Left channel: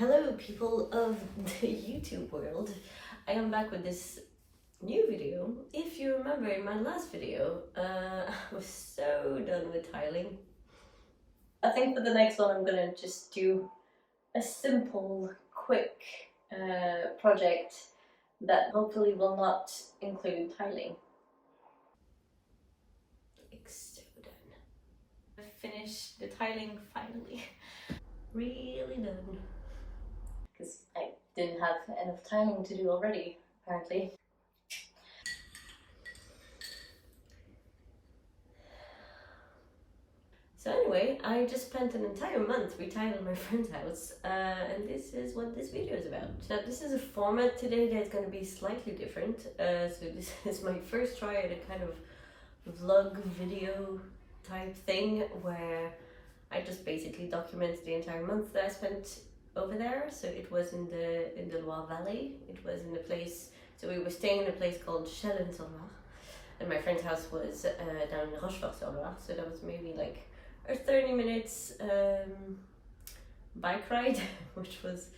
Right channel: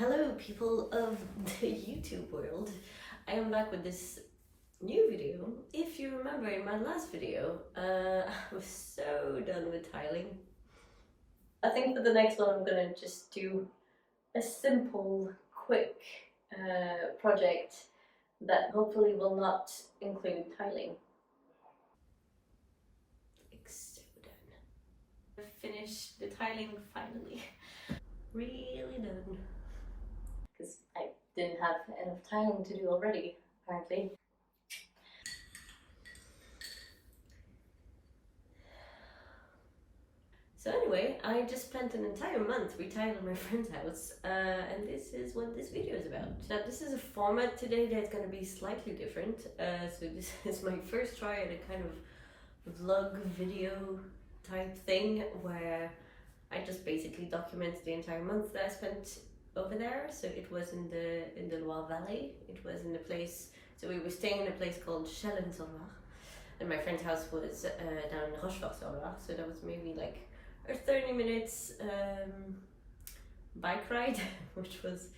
Hello people of the YouTube world. I am back with this new video. If you remember in my last video, I was so done with tiling. I think for the next one I'm gonna just do a simple, quick project that hopefully will not include tiling. Like so done. I finished the tiling finally. Really done. Because I didn't have enough time to do already, apparently. So anyway, I just spent an entire month retiling my friend's house, and this is what this video is about. Now this is a format today that's going to be slightly different, so this is my first try at a kind of vlog video type thing where I just basically document the entire month that I spent over there. So it was in the Loire Valley. It was in a place, so we were staying in a place called Charly and Gisele, and my friend's house was down in Loire, so that was maybe like a 30 minutes bike ride, which was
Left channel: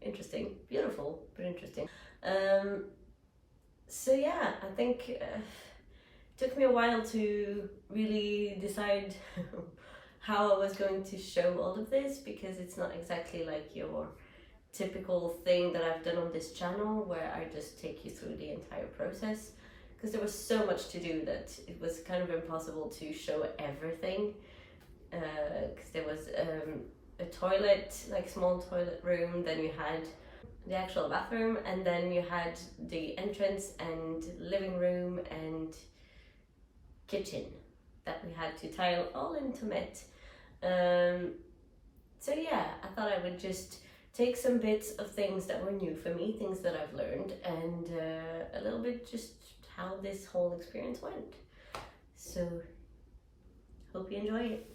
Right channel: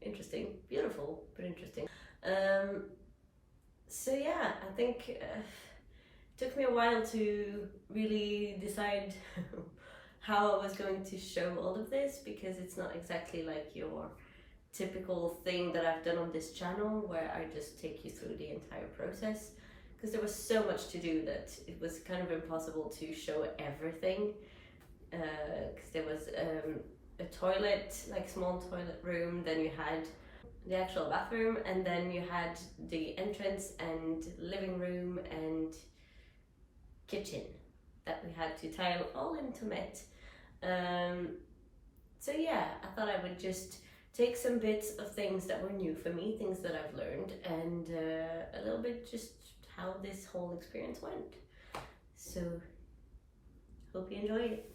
interesting, beautiful but interesting. So yeah, I think it took me a while to really decide how I was going to show all of this, because it's not exactly like your typical thing that I've done on this channel where I just take you through the entire process, because there was so much to do that it was kind of impossible to show everything, because there was a toilet, like small toilet room, then you had the actual bathroom, and then you had the entrance and living room and kitchen that we had to tile all into it. So yeah, I thought I would just take some bits of things that were new for me, things that I've learned, and a little bit just how this whole experience went. So hope you enjoy it.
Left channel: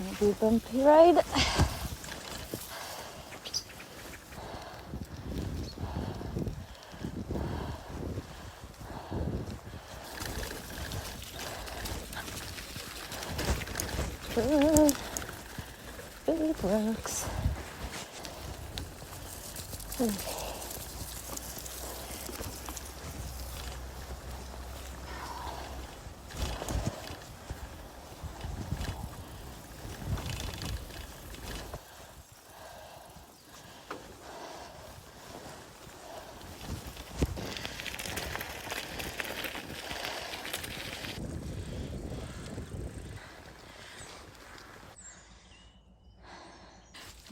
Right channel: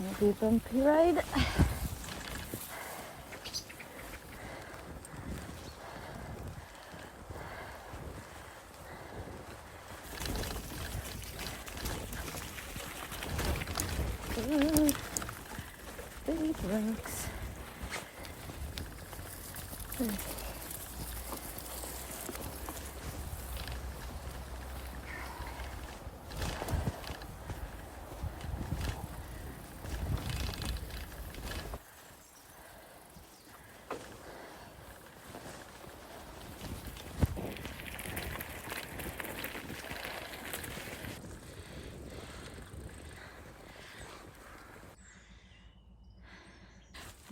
Maybe a bumpy ride. Big rocks.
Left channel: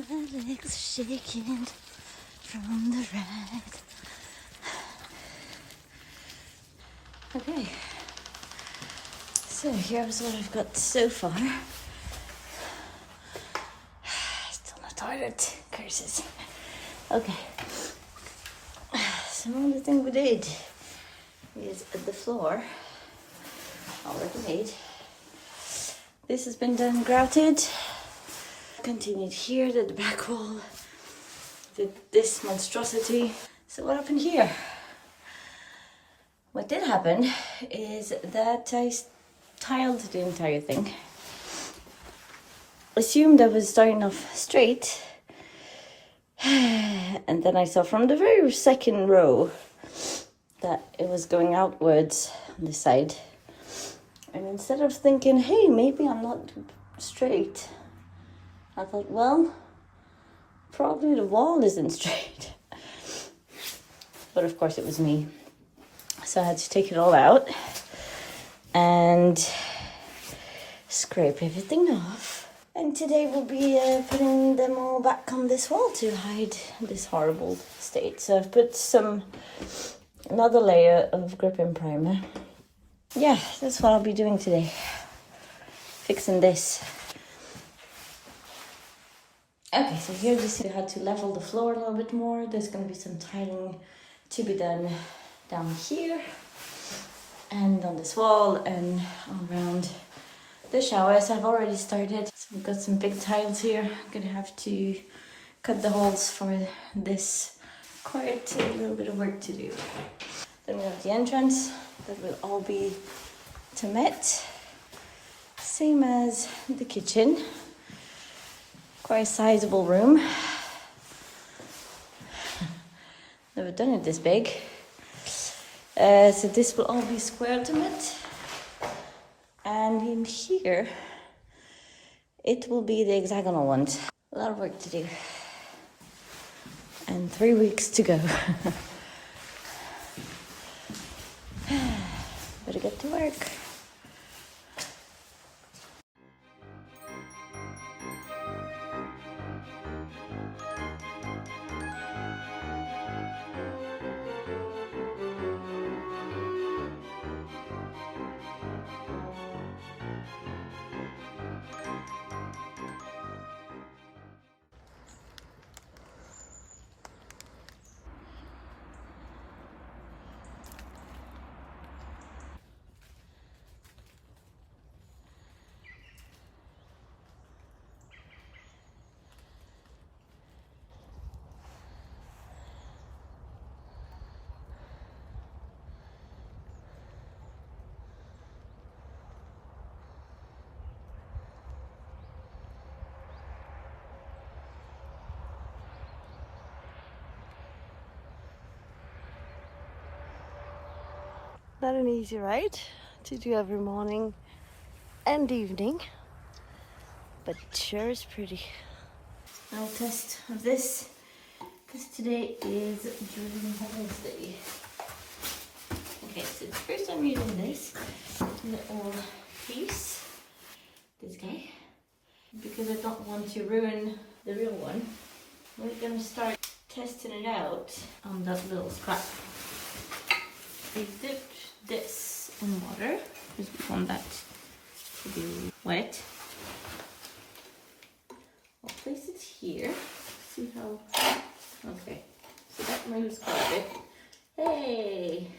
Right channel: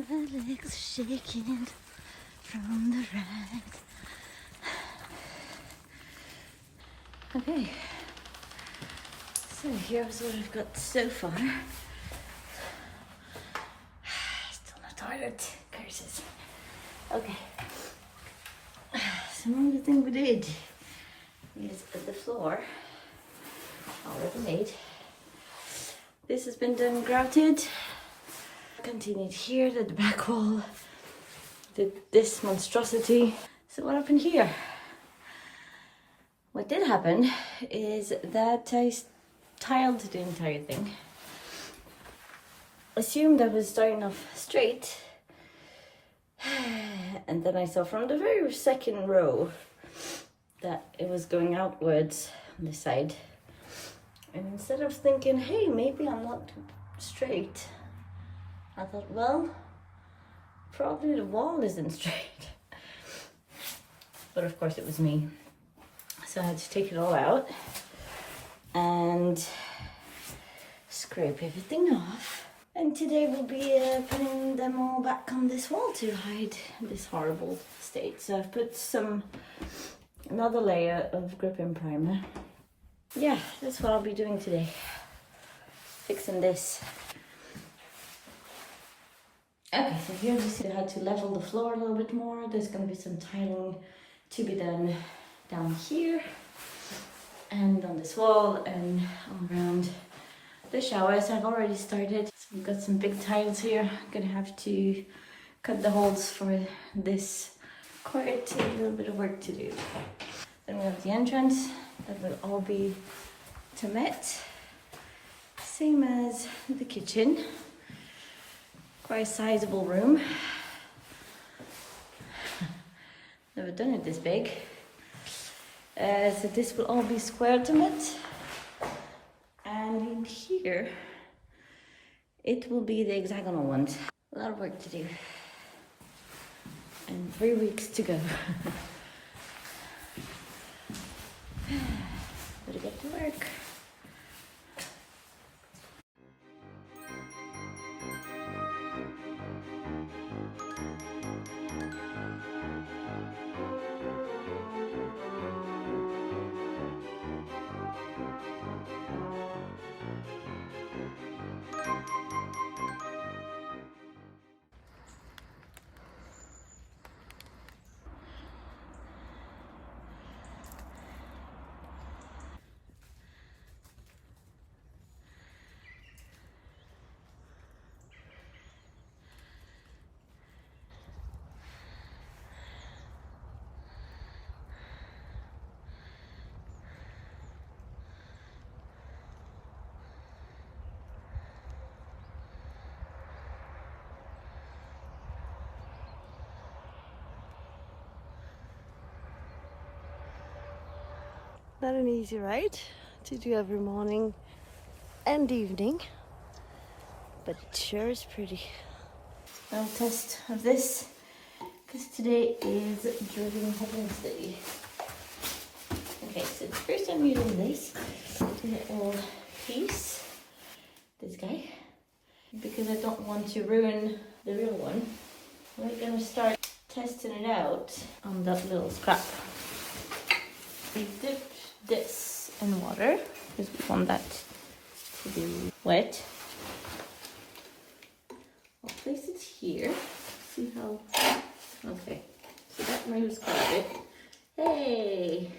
My legs are shaking from the ride. Okay, so here's what I've got so far. Still no toilet, curses. Okay, so now the thing we did is the floor already made. This has been done grouted. Continued here, did the back wall, did this monstrosity. So what happened here? What did happen is that I tiled the entire thing. Assumed I was starting off straight, and then I saw from the very second row that it was going outwards on the side. And instead of thinking, hey, maybe I'm not straight, I thought, well, probably the wall isn't straight. But of course it was me. So I had to take it all out and scrape everything off. And today we'll be putting them all back on this wall to hide this horrible state. So I've put another layer of grip-in primer. Yeah, that's what I'll be doing today. Fixing this. Okay, so here you see I had to level the floor a little bit more. There's going to be some tiling to be done down here and on this wall and all around the showers. I've already started. So we've got some big tiles here. I'm going to have to cut the holes for this quite a little bit of work to do. Then we have the entrance that will all be Temet, same as the kitchen. Quite a sizable room. Never done it this big. So this will all be square Temet. And in here, it will be the hexagonal ones. A lot of work to do. And 3 weeks to go. Better get to work. Not an easy ride to do every morning and evening, but it sure is pretty. Now a test of this, because today is Drilling Wednesday. Okay, so the first I'm using this little piece, this guy, because I don't want to ruin the real one. We're gonna start testing it out on that little scrap. We dip this in water because we want that to be wet. I'll place it here. See how? Okay, so that moves quite a bit. Hey!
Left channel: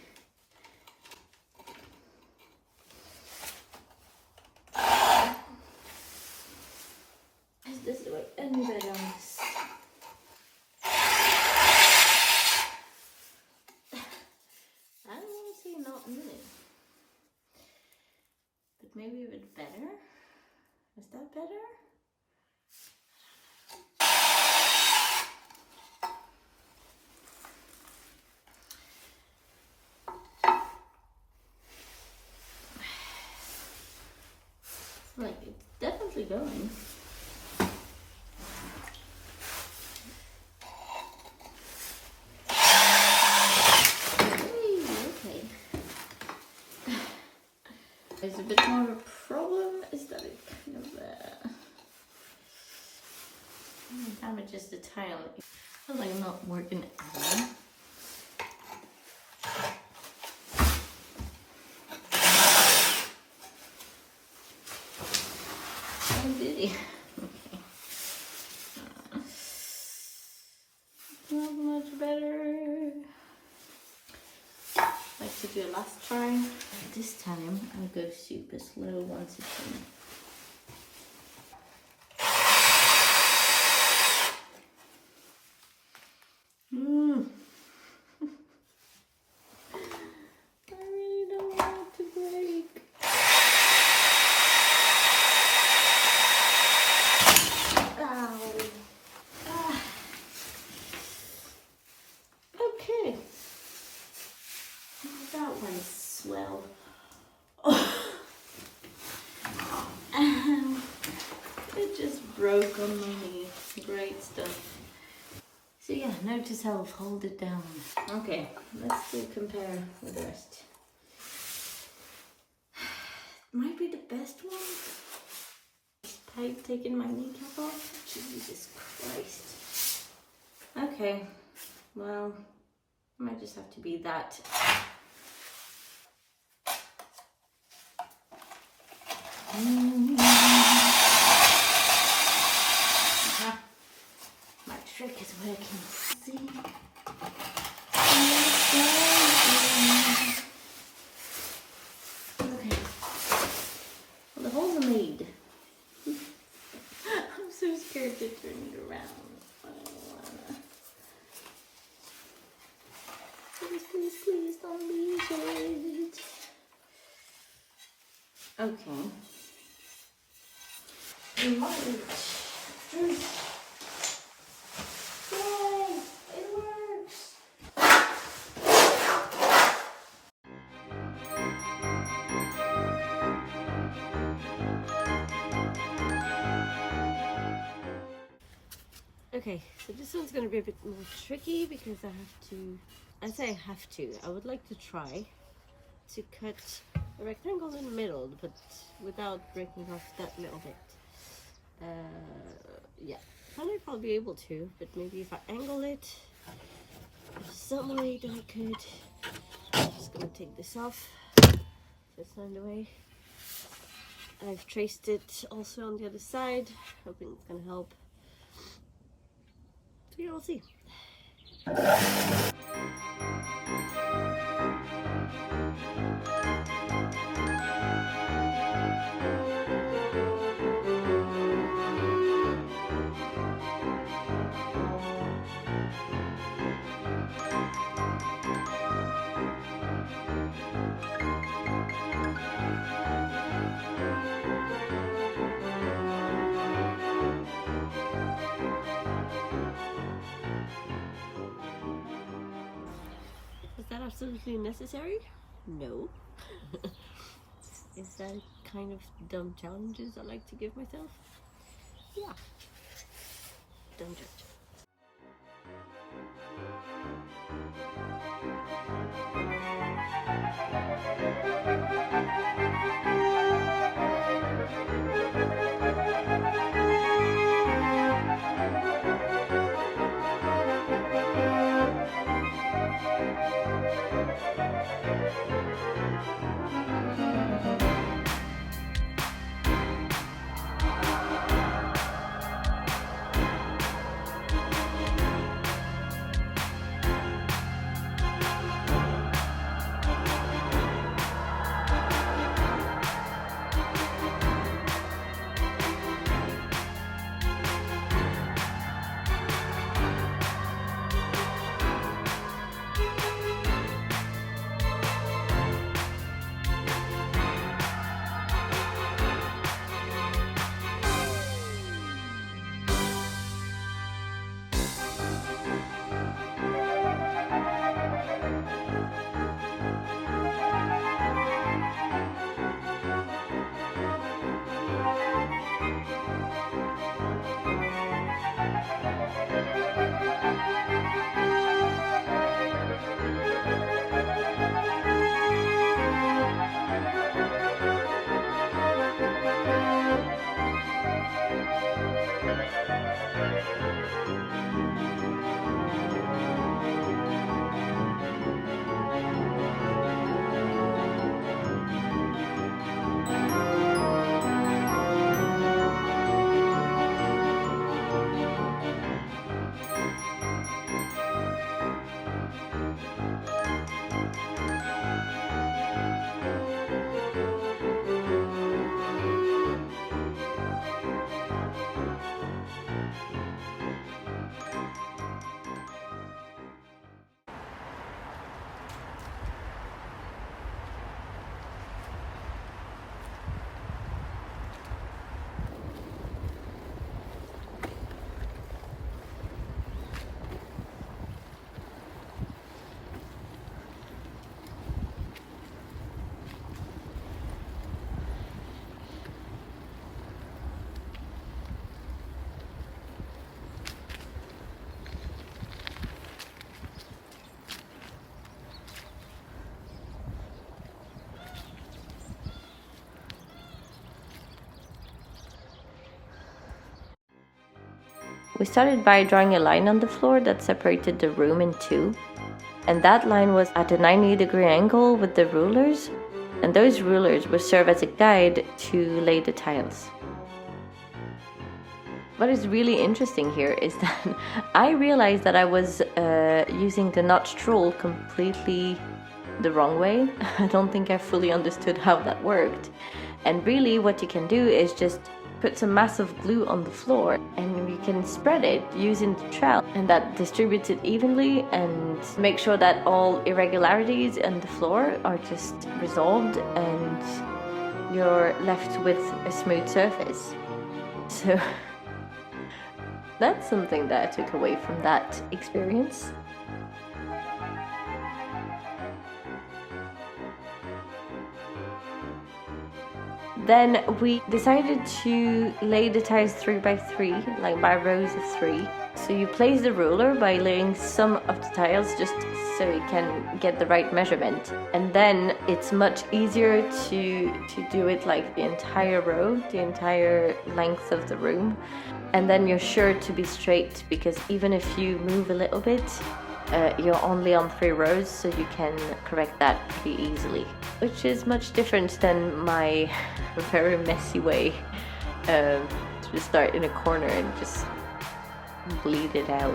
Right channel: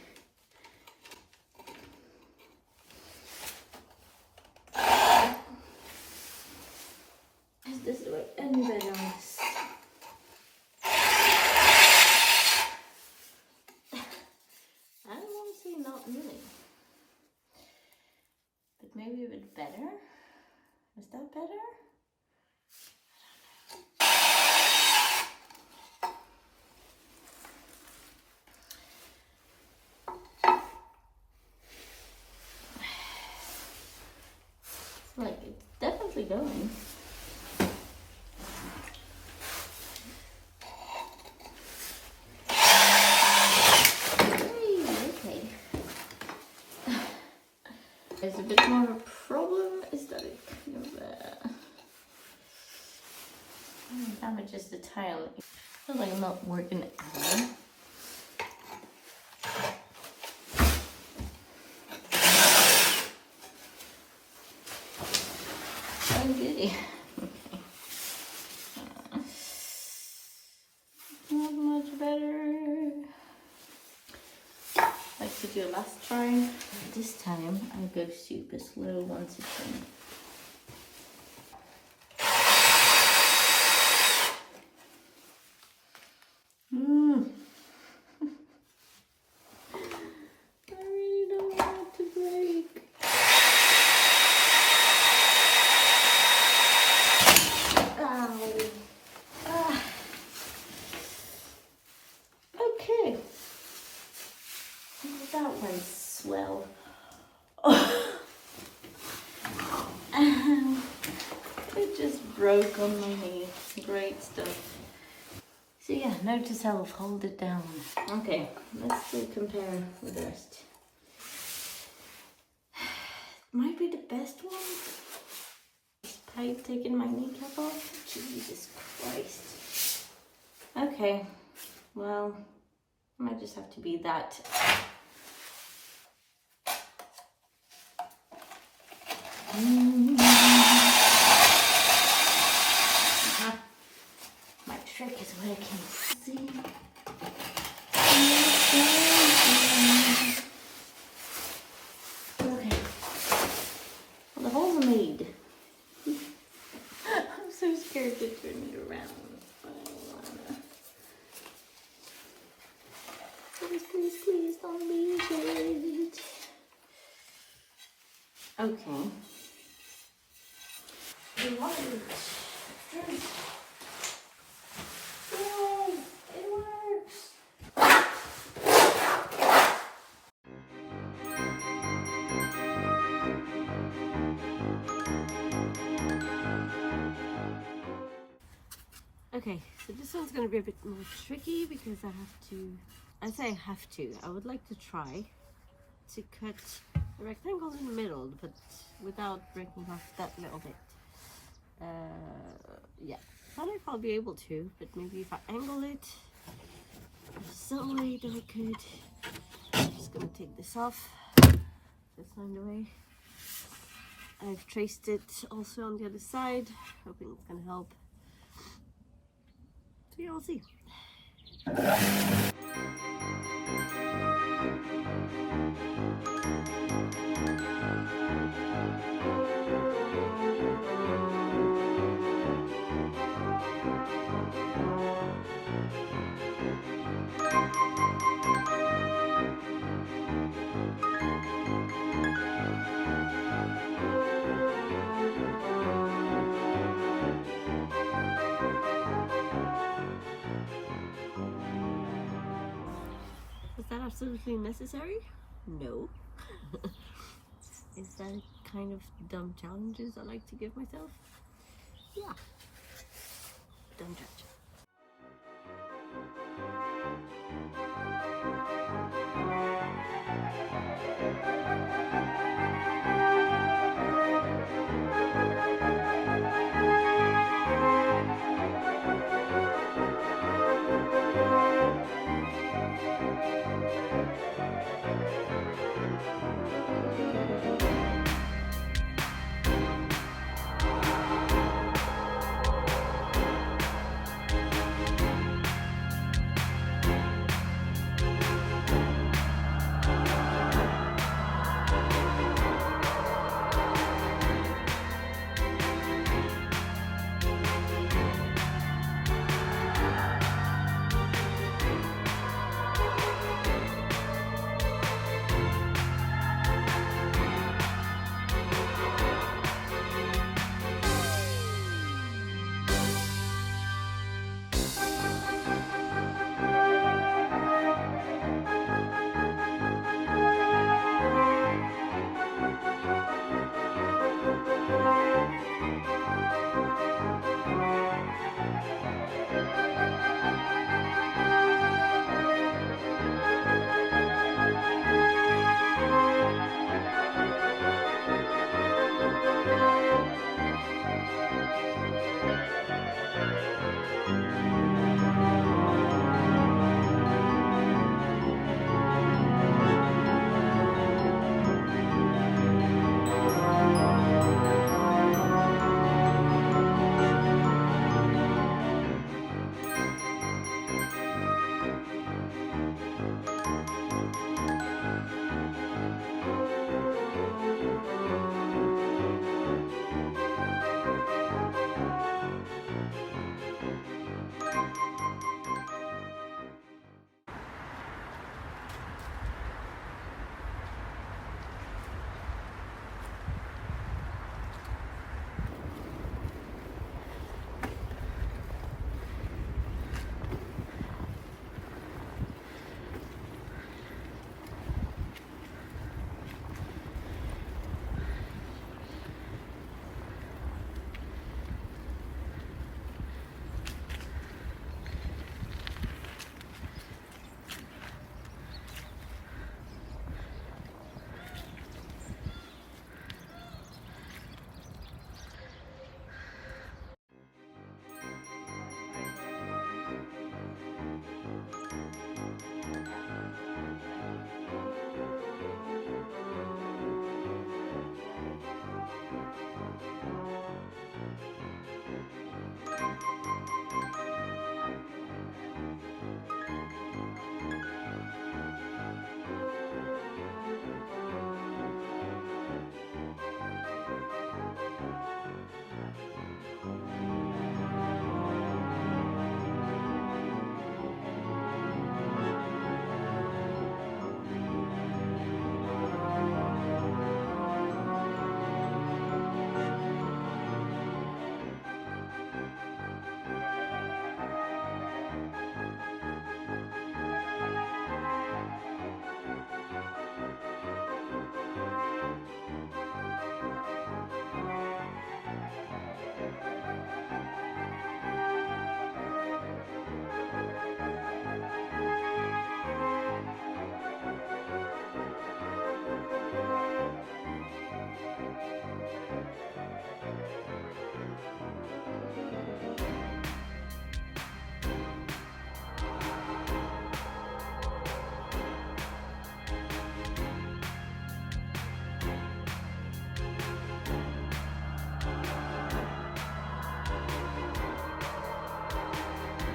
Is this the way any better on this? Not really. But maybe a bit better. Is that better? Like, it's definitely going. There's a bit more of a problem, is that it kind of damages the tile. It's like not working out. Oh, did he? Okay. Not much better. Like to do a last try. This time I'll go super slow once it's in. I really don't want it to break. Ow. Ah. Okay. That went swell. It just broke on my knee. Great stuff. So yeah, note to self, hold it down. Okay, let's compare with the rest. Might be the best one. Despite taking my kneecap off. Jesus Christ. Okay, well, might just have to be that. My trick is working. See? Okay. Well, the holes are made. I'm so scared to turn it around. I don't wanna. please, please don't leave it. Okay. Right. Yay! It works! Okay, so this one's going to be a bit more tricky because I would like to try to cut a rectangle in the middle, but without breaking off that little bit. Yeah, I might probably be able to, but maybe if I angle it, there's some way that I could. I'm just going to take this off. That's not in the way. I've traced it also on the other side, hoping it's going to help. So yeah, we'll see. Was that absolutely necessary? No. Is that a kind of dumb challenges I like to give myself? Yeah. Dumb judge. We started by drawing a line on the floor that separated the room in two, and that line was at a 90-degree angle with the rulers, and those rulers would serve as a guide to lay the tiles. what is really interesting here is that I realized that I was using the notched rule completely the wrong way. I don't think I fully understood how that worked. And really what you can do is just put some massive glue on the floor and you can spread it using the trowel, and that distributes it evenly and make sure that all irregularities in the floor are just resolved and you're left with a smooth surface. So that's something that I took away from that experience. Then we decided to lay the tiles 3 by 3, like by rows of 3. So you place the ruler by laying some of the tiles just so you can get the right measurement. And then it's much easier to do it like the entire row, the entire length of the room. And then you're sure to be straight, because even if you move a little bit, you're only on 3 rows, so you can correct that pretty easily. Which is much different than my very messy way to just start in a corner and just bleed it out.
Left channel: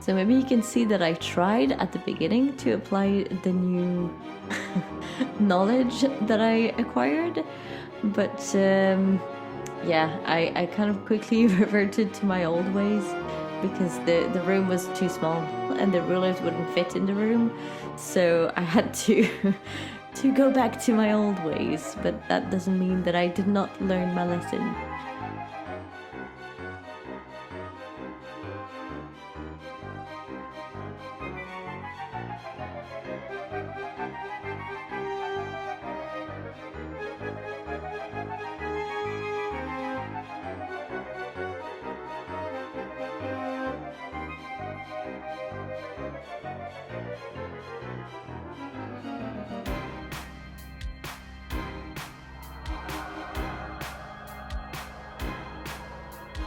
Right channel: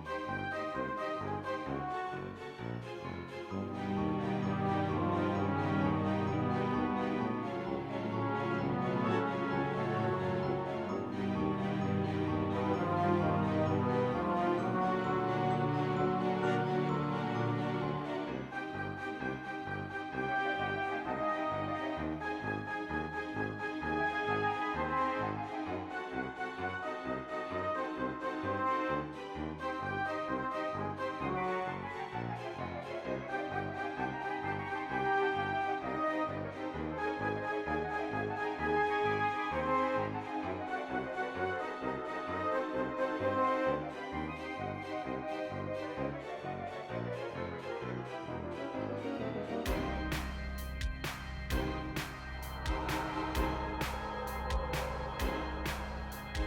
So maybe you can see that I tried at the beginning to apply the new knowledge that I acquired, but yeah, I kind of quickly reverted to my old ways because the room was too small and the rulers wouldn't fit in the room, so I had to go back to my old ways, but that doesn't mean that I did not learn my lesson.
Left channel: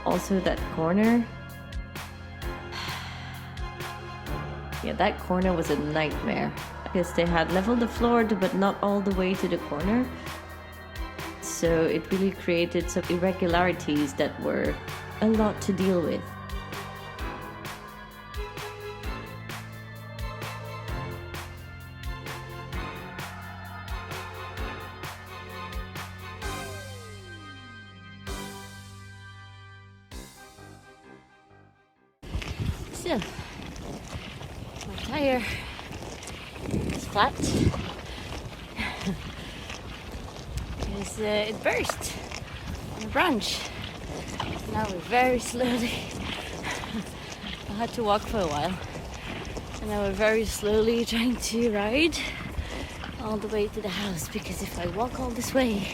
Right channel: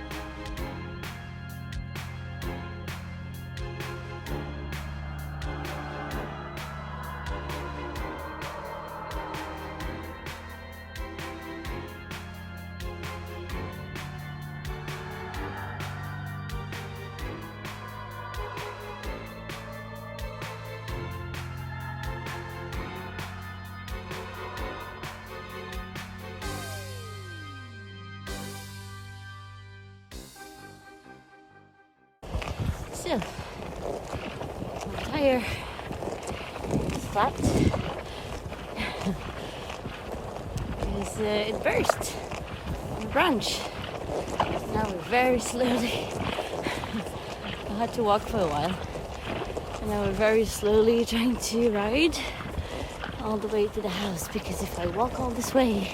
Also that corner, yeah, that corner was a nightmare because they had leveled the floor but not all the way to the corner, so it really created some irregularities that were a lot to deal with. So, my tire is flat because it burst on a branch. Now we're very slowly. I had to walk for a while, and now we're very slowly trying to ride all the way to the house, because if I walk all this way,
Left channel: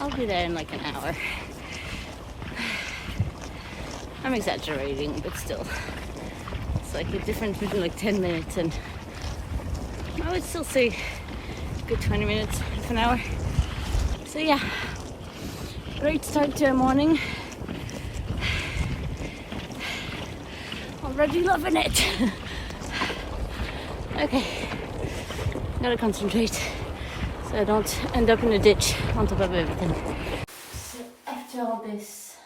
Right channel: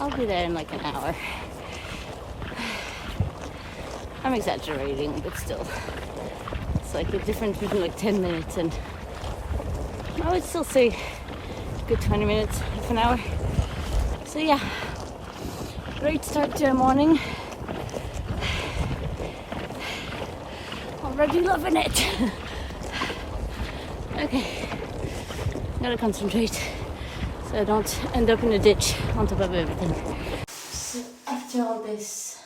I'll be there in like an hour. I'm exaggerating, but still. It's like the difference between like 10 minutes and I would still say a good 20 minutes, half an hour. So yeah, great start to a morning. Already loving it. Okay, gotta concentrate so I don't end up in a ditch on top of everything. So after all this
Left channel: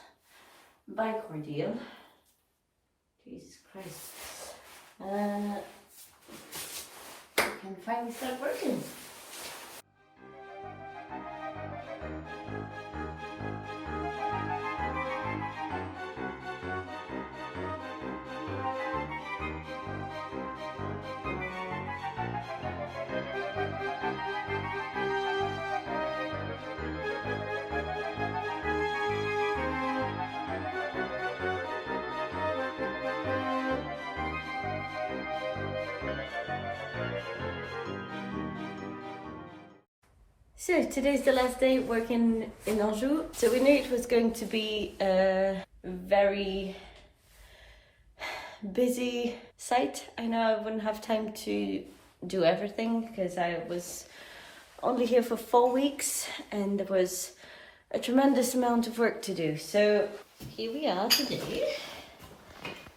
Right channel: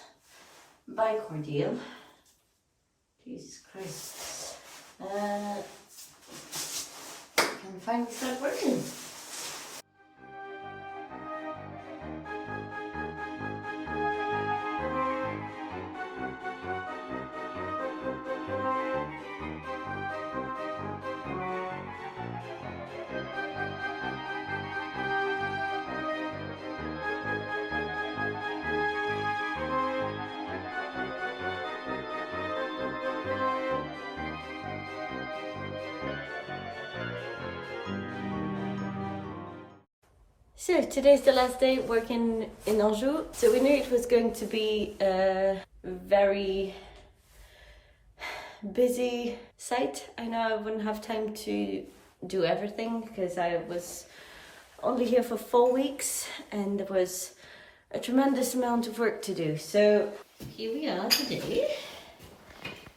bike ordeal, Jesus Christ, I can finally start working. So today's the last day working in Anjou. So we knew it was going to be a very busy site. I know I wouldn't have time to do everything because I was only here for 4 weeks and there was a tremendous amount of work to do. So here we are today.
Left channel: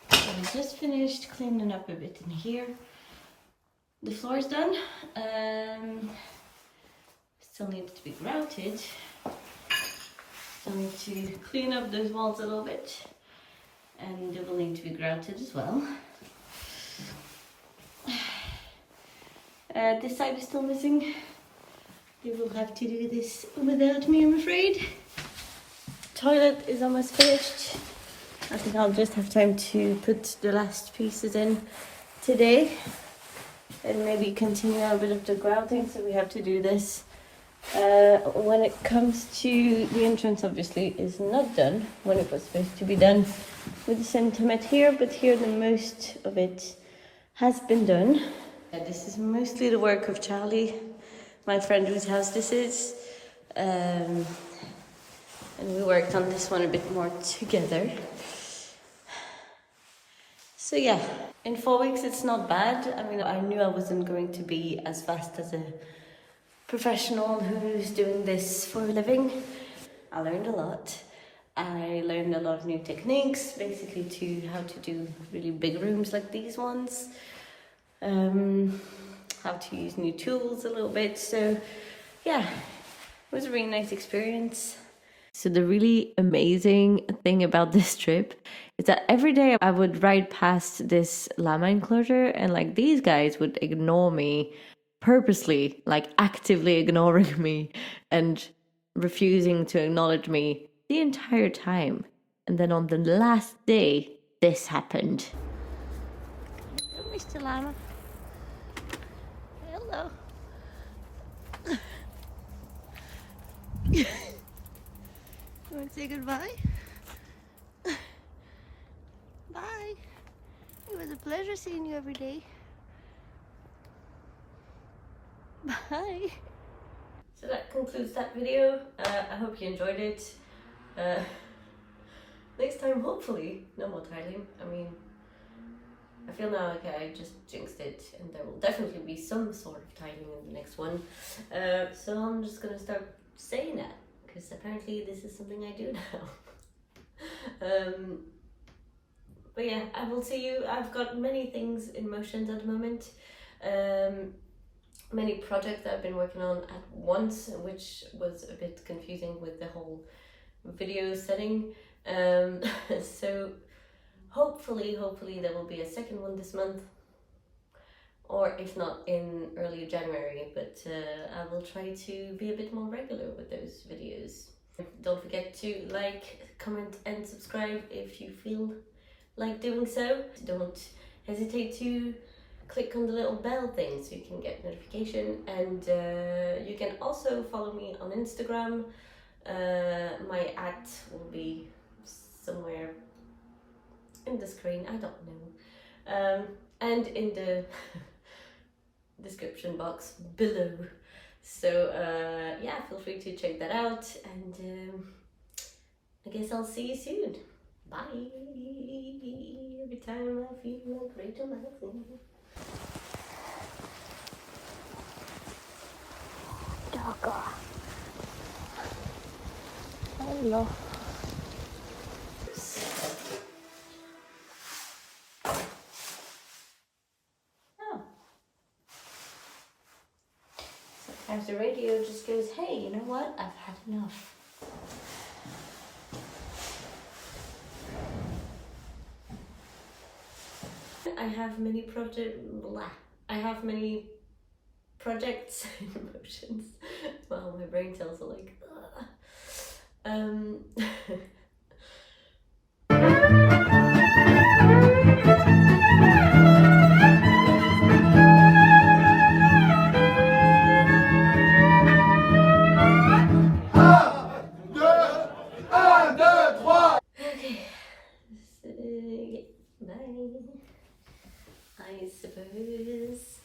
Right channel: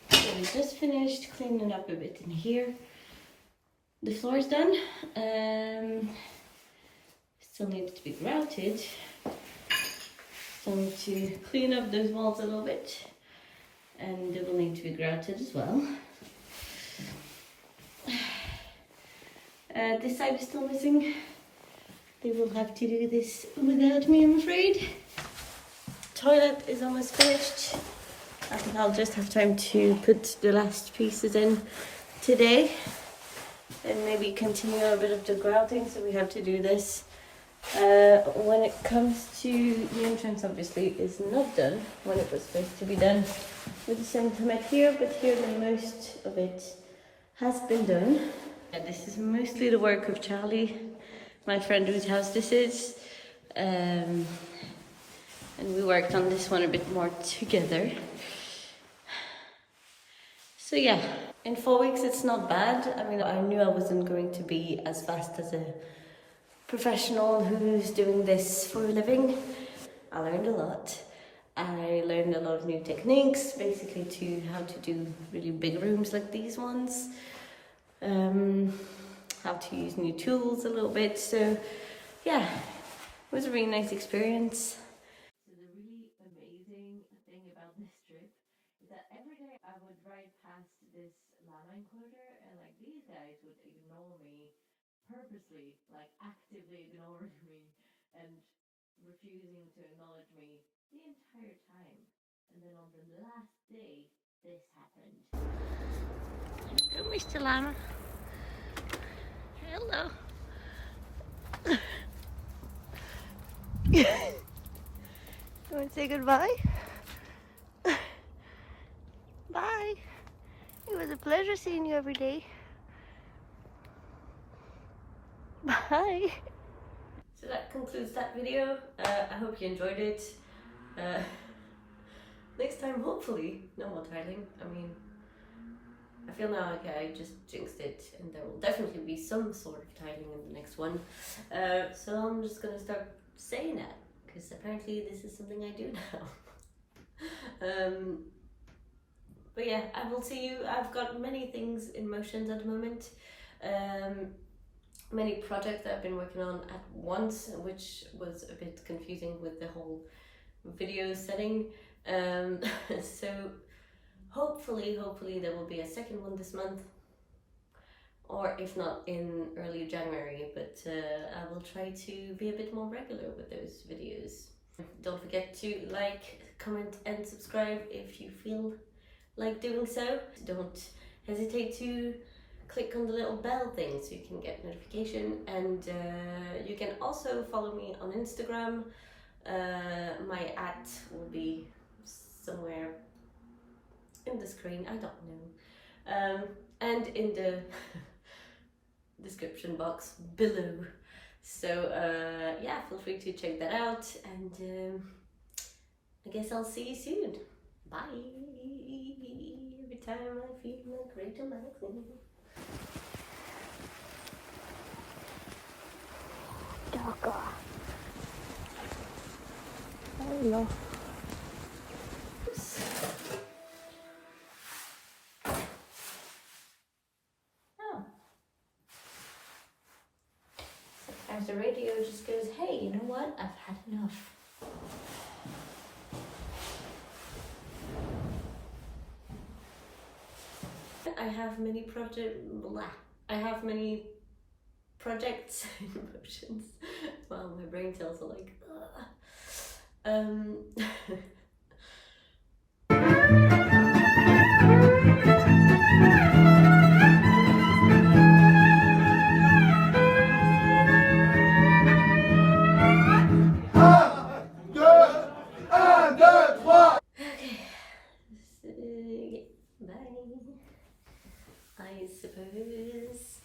So I just finished cleaning up a bit in here. The floor's done. Still needs to be grouted. Still need to clean up those walls a little bit, and they will need to be grouted as well. This side is still missing. They will have to do this without me, I'm afraid. Toilet is almost finished. I think I'll just have time to put the last pieces in today and maybe continue a bit of the grouting, so we have to do this. When it comes to the entrance, obviously is not done when it was supposed to be done with the sentiment here, but here the most of it has been done. This is mostly the work of Charlie, my friend whose house this is, and we worked on this one a bit more together. So yeah, in 4 weeks it's not bad. I mean, I knew I wasn't going to be as fast as a professional who's doing this for a living. I learned a lot. I learned a lot of new techniques, basically to how to do really big rooms like these ones. How to use new tools a little bit. So yeah, it was a really nice experience. So the really amazing thing about this trip is that every day I would ride past this llama enclosure and like these guys would ignore me purposely, like actively ignoring me and refusing to acknowledge me the entire time. And then on the last day, this happened. Hello, Mr. Llama. Hello. You want to say goodbye? Bye. It was a pleasure seeing you every day. Bye. So that concludes that video. I hope you enjoyed it. Next time, hopefully, no more tiling. I mean, I feel now like I just jinxed it, and there will definitely be some sort of tiling in the next one. So I'm just gonna start saying that, because apparently this is something I do now. But yeah, I will see you. I've got many things in motion at the moment. many projects that I've been working on at once, which was a bit confusing with the whole video setting. So hopefully there will be a second one this month, or if not in early January, but I will try to be a bit more regular with those videos. Don't forget to like, comment and subscribe if you feel like doing so. Don't hesitate to click on the little bell thing so you can get notification, and you can also follow me on Instagram. My @ will be somewhere in the screen, I don't know, and in the description box below. So yeah, feel free to check that out, and I guess I'll see you soon. Bye. Every time I feel like Rachel Maxine. Dogger. Hello. Oh. Sometimes the radio just goes, hey, you know what? I've had enough. I have many projects in motions. Wow, my brain cells are like, okay, so, yeah, bye, I suppose.